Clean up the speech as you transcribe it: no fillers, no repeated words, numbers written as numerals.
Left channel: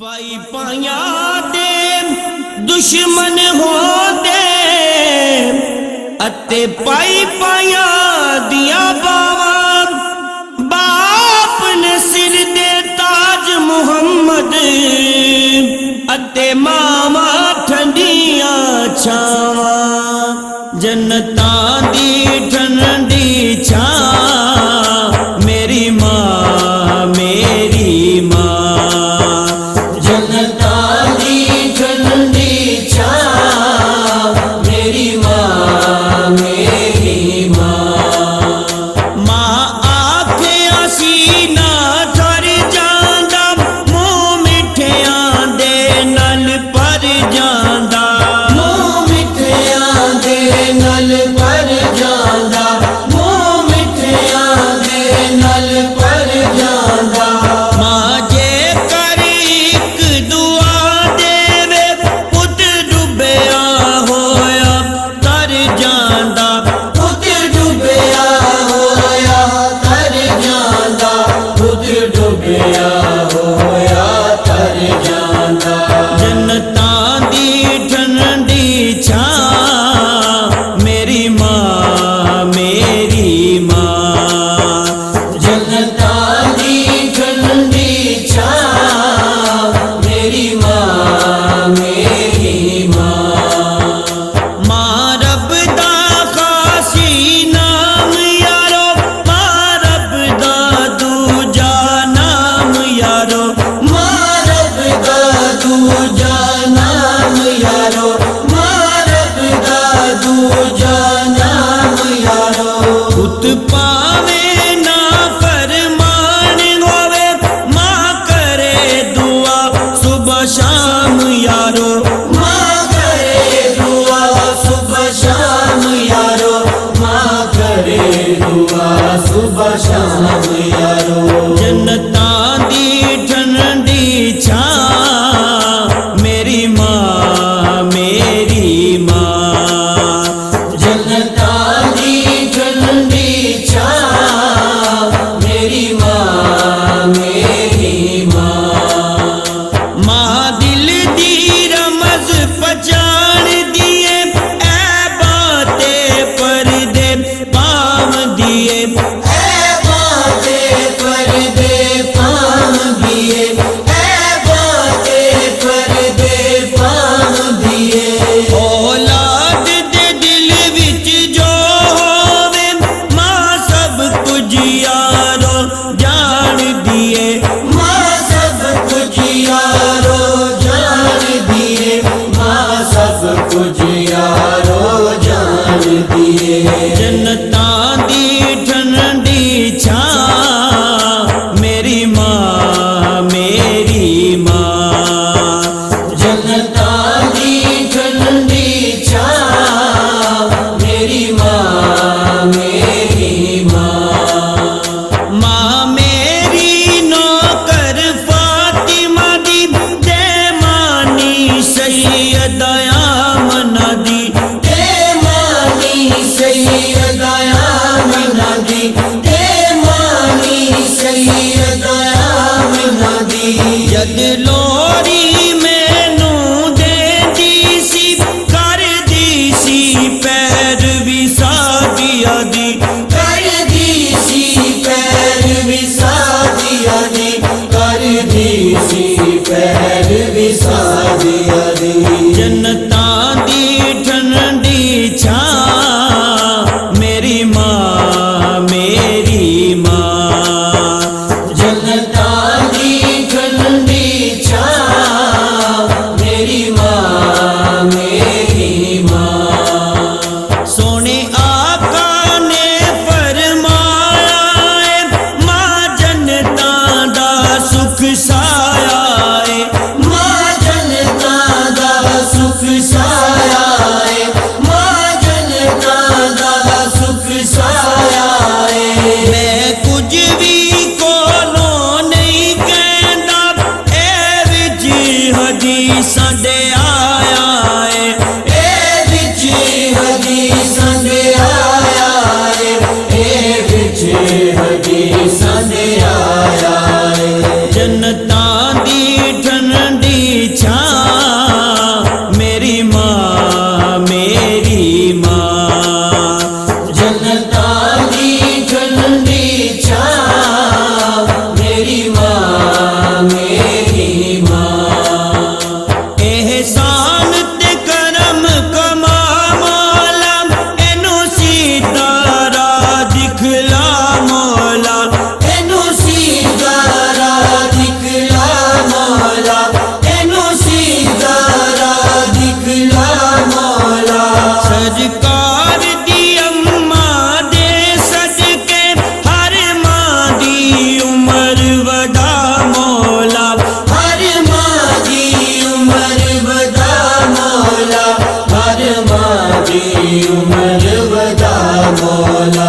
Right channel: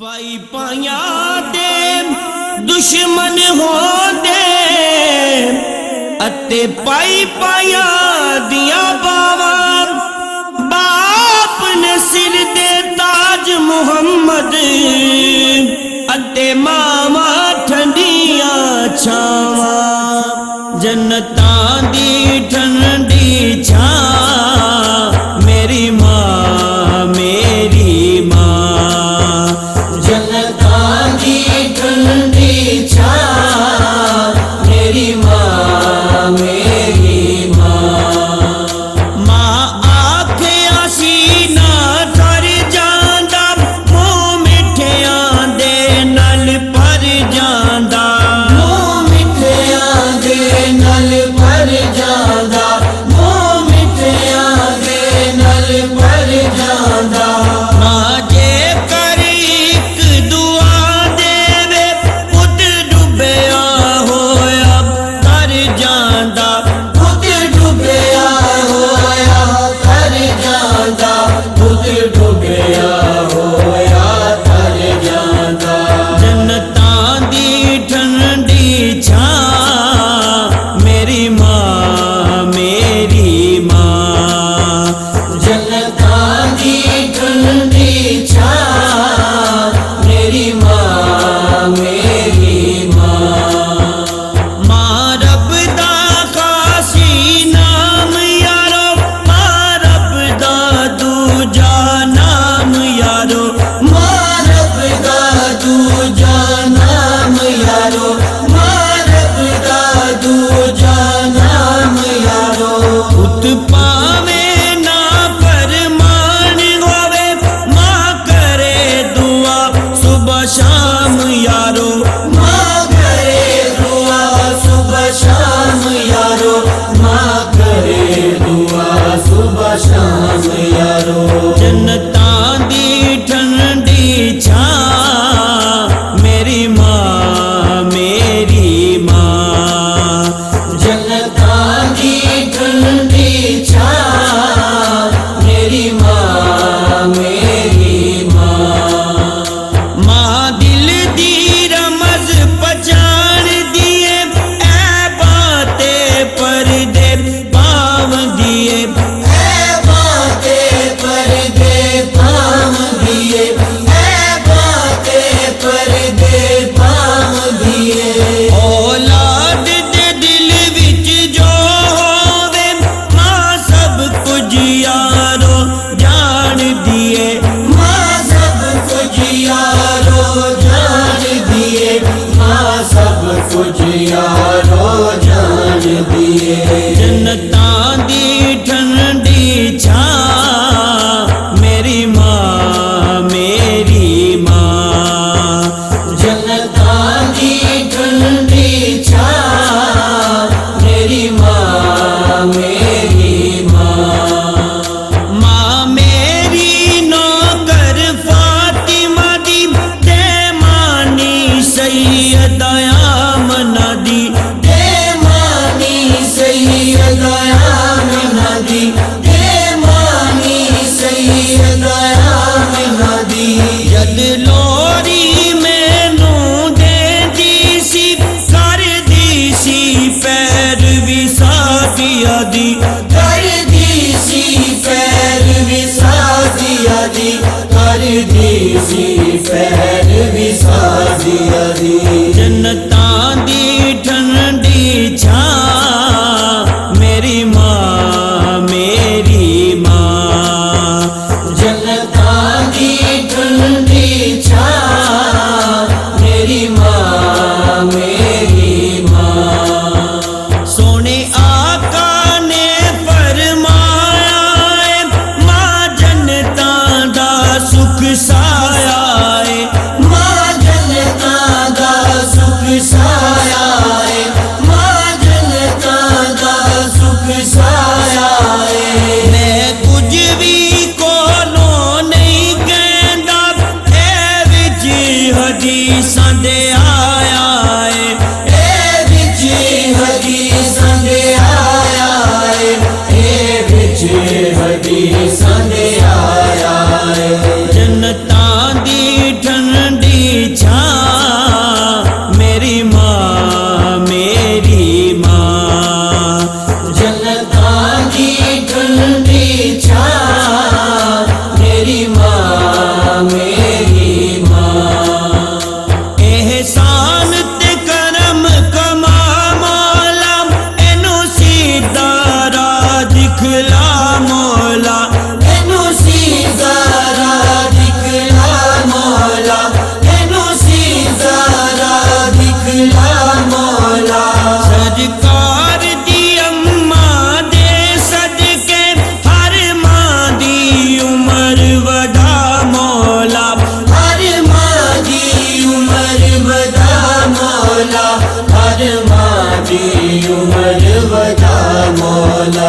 पाई पाया दे दुश्मन हो दे अते पाई पाया दिया बावा बाप ने सिर दे ताज मुहम्मद अते मामा ठंडिया छावा जन्नतां दी ठंडी छा मेरी माँ मेरी माँ जन्नतां दी ठंडी छा मेरी माँ मेरी माँ माँ आखिया सीना तर जांदा मुँह मिठियां दे नल पर जांदा मुँह मिठियां दे नल पर जांदा मुँह मिठियां दे नल पर जांदा माँ जे कर एक दुआ देवे पुत डुबया होया कर जांदा पुत डुबया होया कर जांदा पुत डुबया होया कर जांदा जन्नतां दी ठंडी छा मेरी माँ मेरी माँ जन्नतां दी ठंडी छा मेरी माँ मेरी माँ माँ रब दा खासी नाम यारो माँ रब दा दूजा नाम यारो माँ रब दा दूजा नाम यारो माँ रब दा दूजा नाम यारो पुत पावे ना फरमान होवे माँ करे दुआ सुबह शाम यारो माँ करे दुआ सुबह शाम यारो माँ करे दुआ सुबह शाम यारो जन्नतां दी ठंडी छा मेरी माँ मेरी माँ जन्नतां दी ठंडी छा मेरी माँ मेरी माँ माँ दिल दी रमज पहचान दिए ऐ बातें पर्दे पाव दिए ऐ बातें पर्दे पाव दिए ऐ बातें पर्दे पाव दिए औलाद दे दिल विच जो होवे माँ सब कुछ यारो जान दिए माँ सब कुछ यारो जान दिए माँ सब कुछ यारो जान दिए जन्नतां दी ठंडी छा मेरी माँ मेरी माँ जन्नतां दी ठंडी छा मेरी माँ मेरी माँ माँ मेरी नौकर फातिमा दी बेमानी सैयदा आमना दी बेमानी सैयदा आमना दी बेमानी सैयदा आमना दी जद लोरी मैनू देंदी सी कर दी सी पैर भी सादिया दी कर दी सी पैर भी सादिया दी कर दी सी पैर भी सादिया दी जन्नतां दी ठंडी छा मेरी माँ मेरी माँ जन्नतां दी ठंडी छा मेरी माँ मेरी माँ सोने आका ने फरमाया है माँ जन्नतां दा सुख साया मारी उम्र वदा मौला।